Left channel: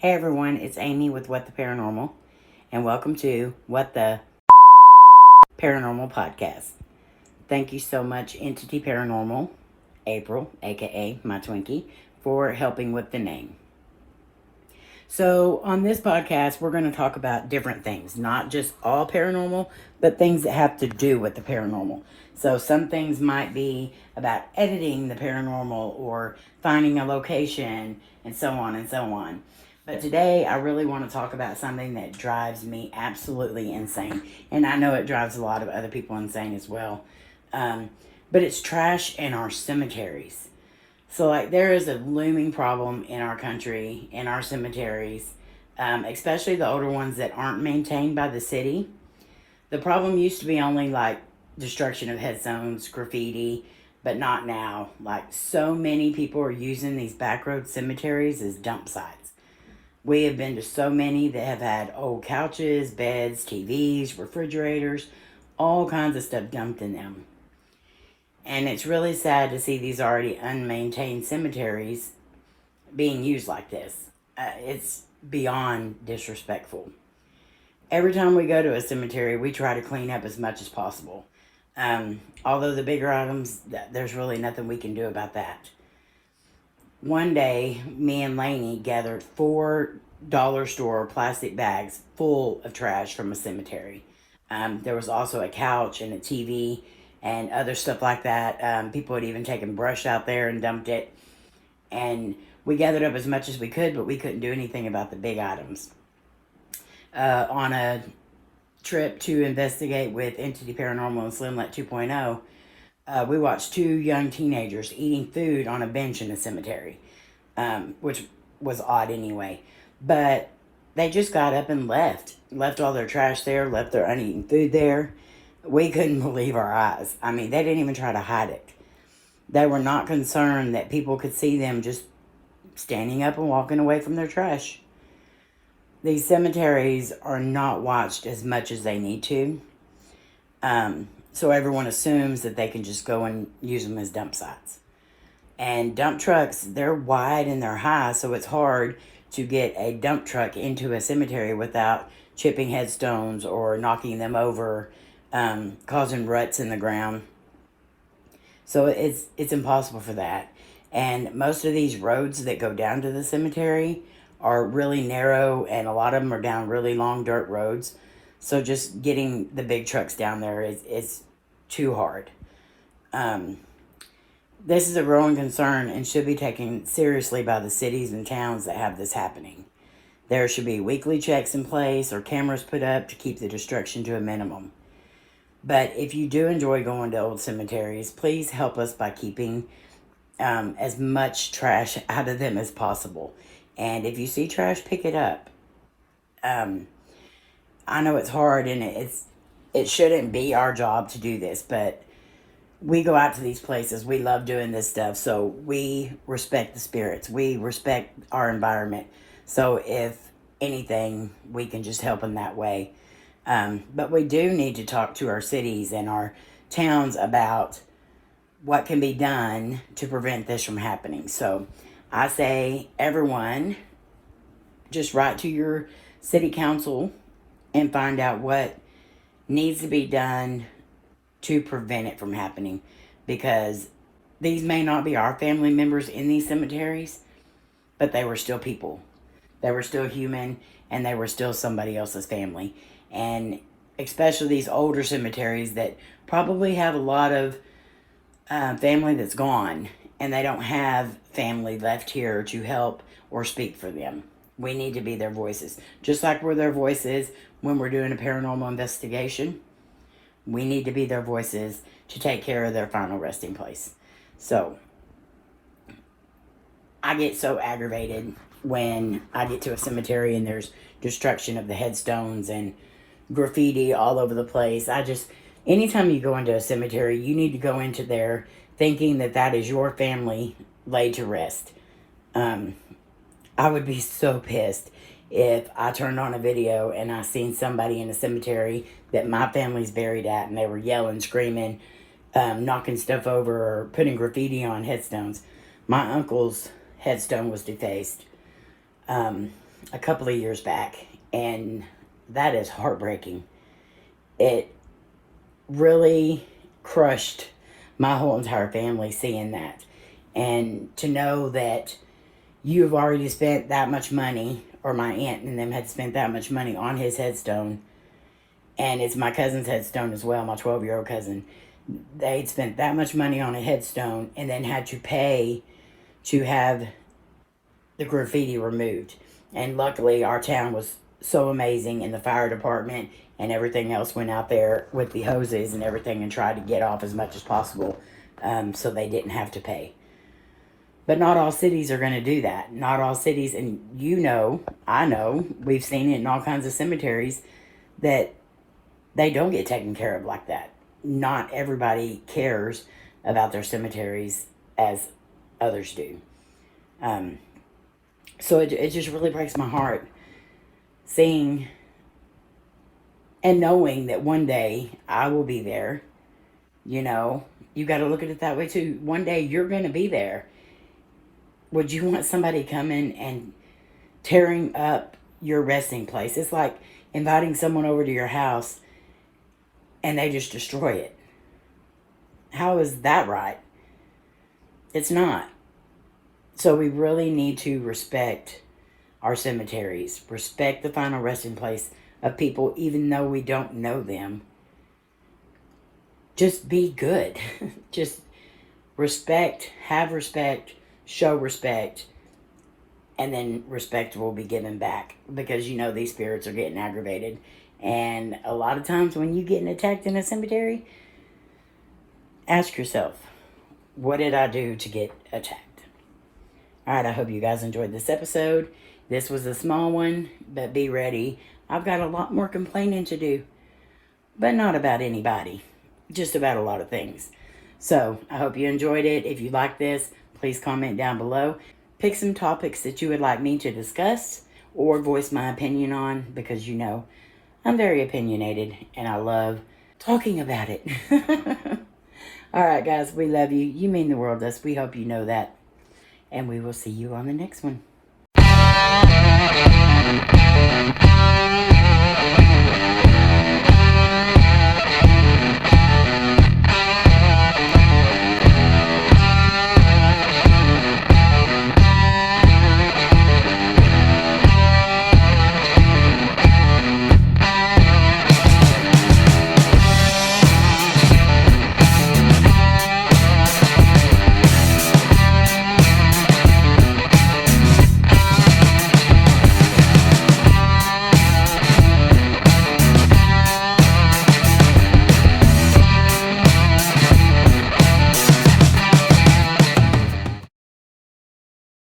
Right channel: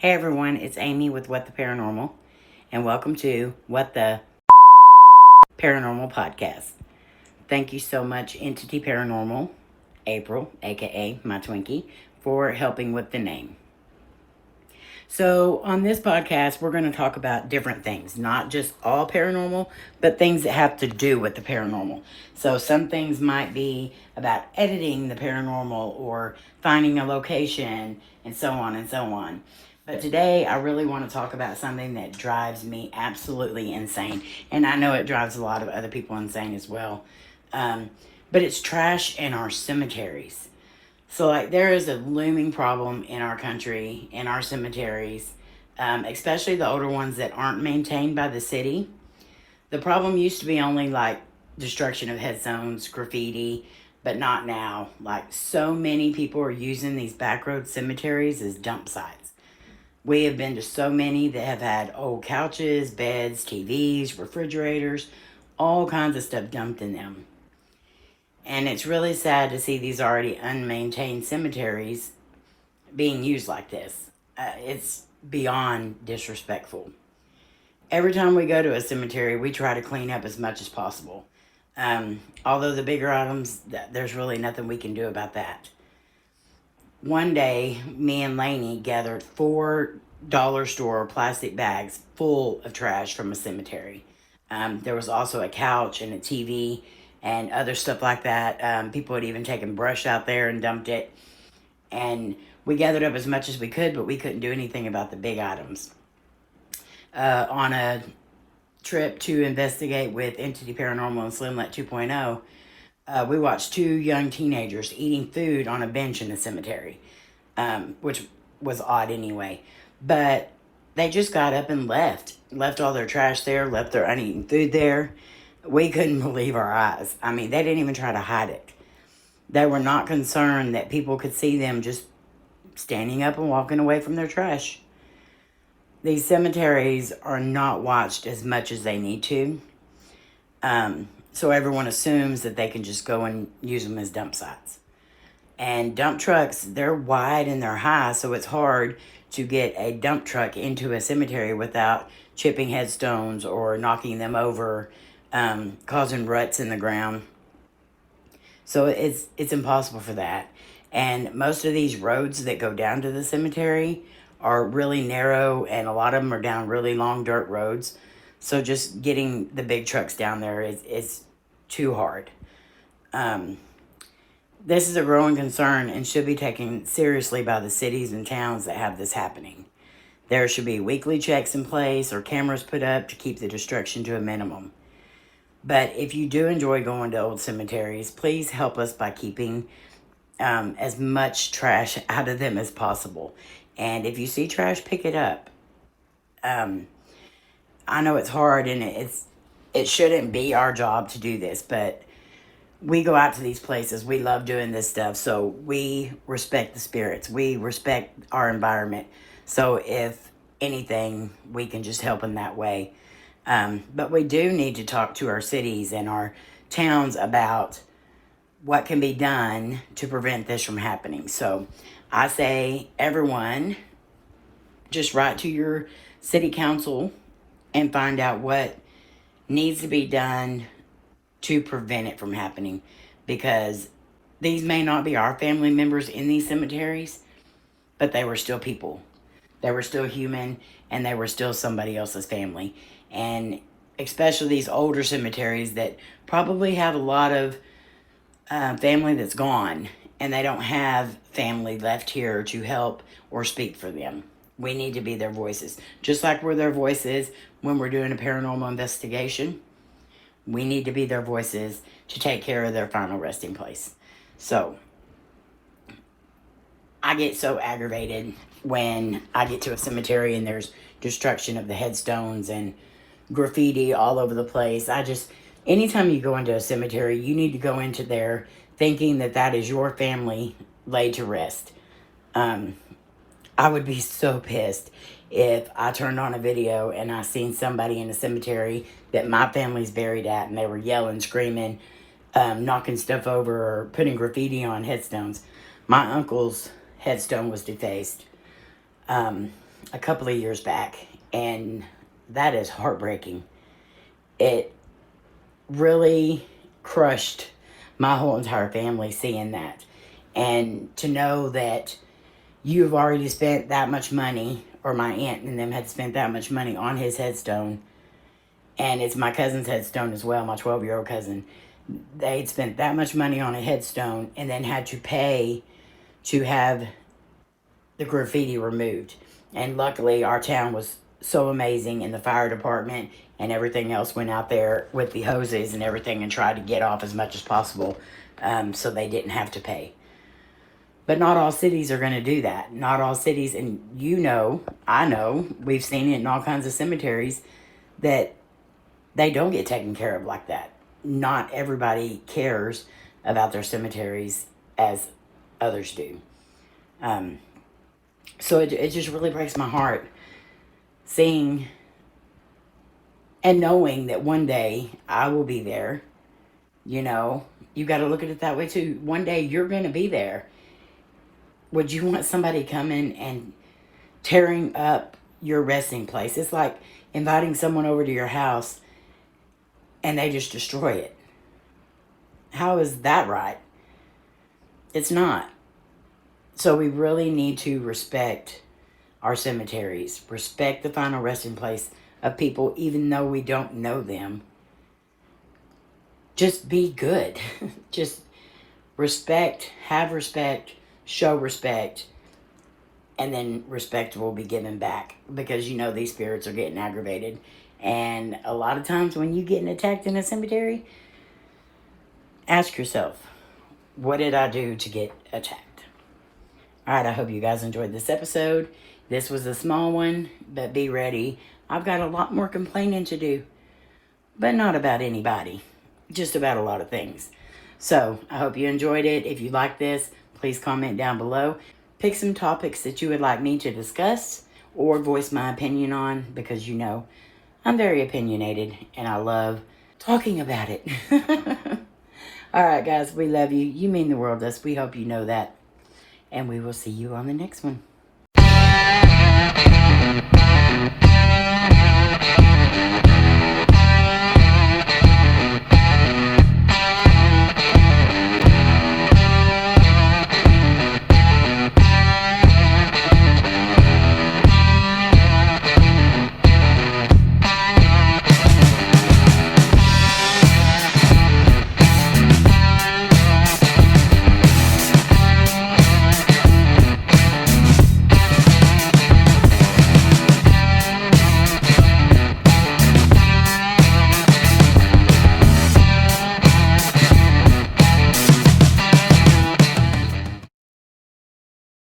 Hey everyone, it's Amy with What the Paranormal, and welcome to What the Paranormal Podcast. Thank you so much, Entity Paranormal, April, aka my Twinkie, for helping with the name. So, on this podcast, we're going to talk about different things, not just all paranormal, but things that have to do with the paranormal. So, some things might be about editing the paranormal or finding a location and so on and so on. But today, I really want to talk about something that drives me absolutely insane. And I know it drives a lot of other people insane as well. But it's trash in our cemeteries. So, like, there is a looming problem in our country, in our cemeteries, especially the older ones that aren't maintained by the city. The problem used to be only, like, destruction of headstones, graffiti, but not now. Like, so many people are using these backroad cemeteries as dump sites. We have been to so many that have had old couches, beds, TVs, refrigerators, all kinds of stuff dumped in them. And it's really sad to see these already unmaintained cemeteries being used like this. It's beyond disrespectful. Every time we go to a cemetery, we try to clean up as much as possible. Although the bigger items, there's really nothing we can do about that. One day, me and Layne gathered 4 dollar store plastic bags full of trash from a cemetery. There was also a couch and a TV and other stuff like that. People had even taken brush out there and dumped it. And we gathered up as much as we could, but we couldn't do anything about the big items. On a trip to investigate with Entity Paranormal and Slimlet 2.0, we watched 2 young teenagers eating food on a bench in the cemetery, which was odd anyway. But they just got up and left all their trash there, left their uneaten food there. We couldn't believe our eyes. I mean, they didn't even try to hide it. They were not concerned that people could see them just standing up and walking away from their trash. These cemeteries are not watched as much as they need to. So everyone assumes that they can just go and use them as dump sites. And dump trucks, they're wide and they're high, so it's hard to get a dump truck into a cemetery without chipping headstones or knocking them over, causing ruts in the ground. So it's impossible for that. And most of these roads that go down to the cemetery are really narrow, and a lot of them are down really long dirt roads. So just getting the big trucks down there is too hard. This is a growing concern and should be taken seriously by the cities and towns that have this happening. There should be weekly checks in place or cameras put up to keep the destruction to a minimum. But if you do enjoy going to old cemeteries, please help us by keeping as much trash out of them as possible. And if you see trash, pick it up. I know it's hard and it shouldn't be our job to do this, but we go out to these places. We love doing this stuff, so we respect the spirits. We respect our environment. So if anything, we can just help in that way. But we do need to talk to our cities and our towns about what can be done to prevent this from happening. So I say, everyone, just write to your city council and find out what needs to be done to prevent it from happening, because these may not be our family members in these cemeteries, but they were still people. They were still human, and they were still somebody else's family. And especially these older cemeteries that probably have a lot of family that's gone, and they don't have family left here to help or speak for them. We need to be their voices. Just like we're their voices when we're doing a paranormal investigation, we need to be their voices to take care of their final resting place. So, I get so aggravated when I get to a cemetery and there's destruction of the headstones and graffiti all over the place. Anytime you go into a cemetery, you need to go into there thinking that that is your family laid to rest. I would be so pissed if I turned on a video and I seen somebody in a cemetery that my family's buried at and they were yelling, screaming, knocking stuff over or putting graffiti on headstones. My uncle's headstone was defaced. a couple of years back, and that is heartbreaking. It really crushed my whole entire family seeing that. And to know that you've already spent that much money, or my aunt and them had spent that much money on his headstone, and it's my cousin's headstone as well, my 12-year-old cousin. They'd spent that much money on a headstone and then had to pay to have the graffiti removed. And luckily our town was so amazing, and the fire department and everything else went out there with the hoses and everything and tried to get off as much as possible, so they didn't have to pay. But not all cities are going to do that. Not all cities, and you know, I know, we've seen it in all kinds of cemeteries, that they don't get taken care of like that. Not everybody cares about their cemeteries as others do. So it just really breaks my heart seeing and knowing that one day I will be there. You know, you got to look at it that way too. One day you're going to be there. Would you want somebody coming and tearing up your resting place? It's like inviting someone over to your house and they just destroy it. How is that right? It's not. So we really need to respect our cemeteries. Respect the final resting place of people, even though we don't know them. Just be good. Just respect, have respect, show respect, and then respect will be given back, because you know these spirits are getting aggravated. And a lot of times when you're getting attacked in a cemetery, ask yourself, what did I do to get attacked? Alright, I hope you guys enjoyed this episode. This was a small one, but be ready. I've got a lot more complaining to do, but not about anybody, just about a lot of things. So, I hope you enjoyed it. If you like this, please comment down below. Pick some topics that you would like me to discuss or voice my opinion on, because you know I'm very opinionated and I love talking about it. Alright guys, we love you. You mean the world to us. We hope you know that. And we will see you on the next one.